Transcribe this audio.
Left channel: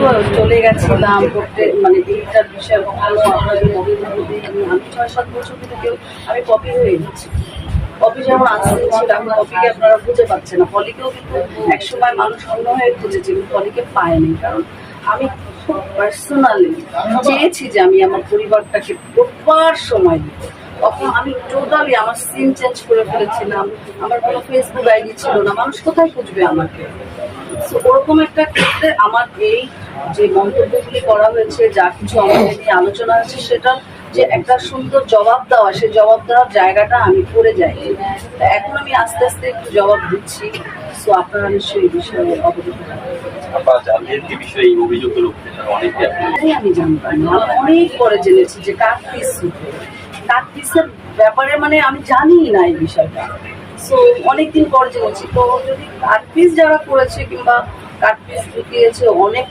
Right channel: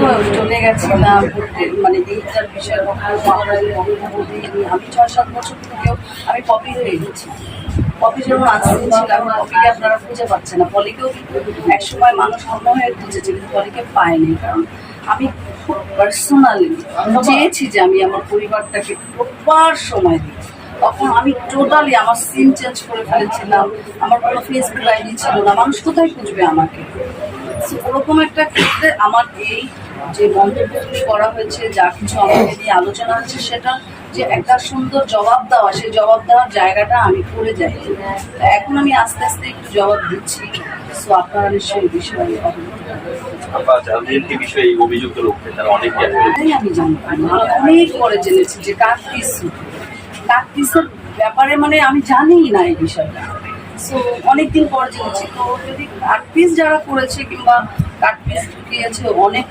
তো চলে গেছিলাম করতে, মানে এইটার বিষয়ে আপনাদের বক্তব্য দিইনি। আমি ৬-৭ বছর থেকেও আমি পপি হয়ে গেছি। পপি যেমন আসছিল, এখন পপিকে আপনারা খুঁজে পাচ্ছেন না। পলিকেও কিন্তু একসময় মানুষ অন্য হয়ে খুঁজেছে, কিন্তু পলিকে পায়নি। কারণ আমি খুব পার্সোনালি চেয়েছি যে আমি আমার পরিবারটাকে প্রপার সময় দিই। তখন আমি টোটালি আমার সিম চেঞ্জ করে ফেলেছিলাম, আমার কোনো ফেসবুক আইডি ছিল না, মানুষ কোথায় খুঁজবে আমাকে? সো ওরকম একটা ক্ষেত্রে আমার এই যে মন্তব্যগুলি করা হয়েছে, যা কিছু আমাকে নিয়ে আলোচনা হয়েছে, সেটা যে একটা সুন্দর জবাব দেওয়া, সেই জবাব দেওয়ার জায়গাটা আমি করে যাই। এখন আমি আস্তে আস্তে একটু জবাব দিচ্ছি। সো আপনারা নিশ্চয়ই এই বিষয়ে অবগত। আমি জানতাম না, আমি অনেক পরে জেনেছি যে কাকপিসের ব্যাপারে, মানে আমি জানি না এই বিষয়টা। সো অনেকদিন পর জেনেছি। তো যদি কাকপিস যারা করেছে কিংবা কাকপিস ঢুকিয়েছে, অনেক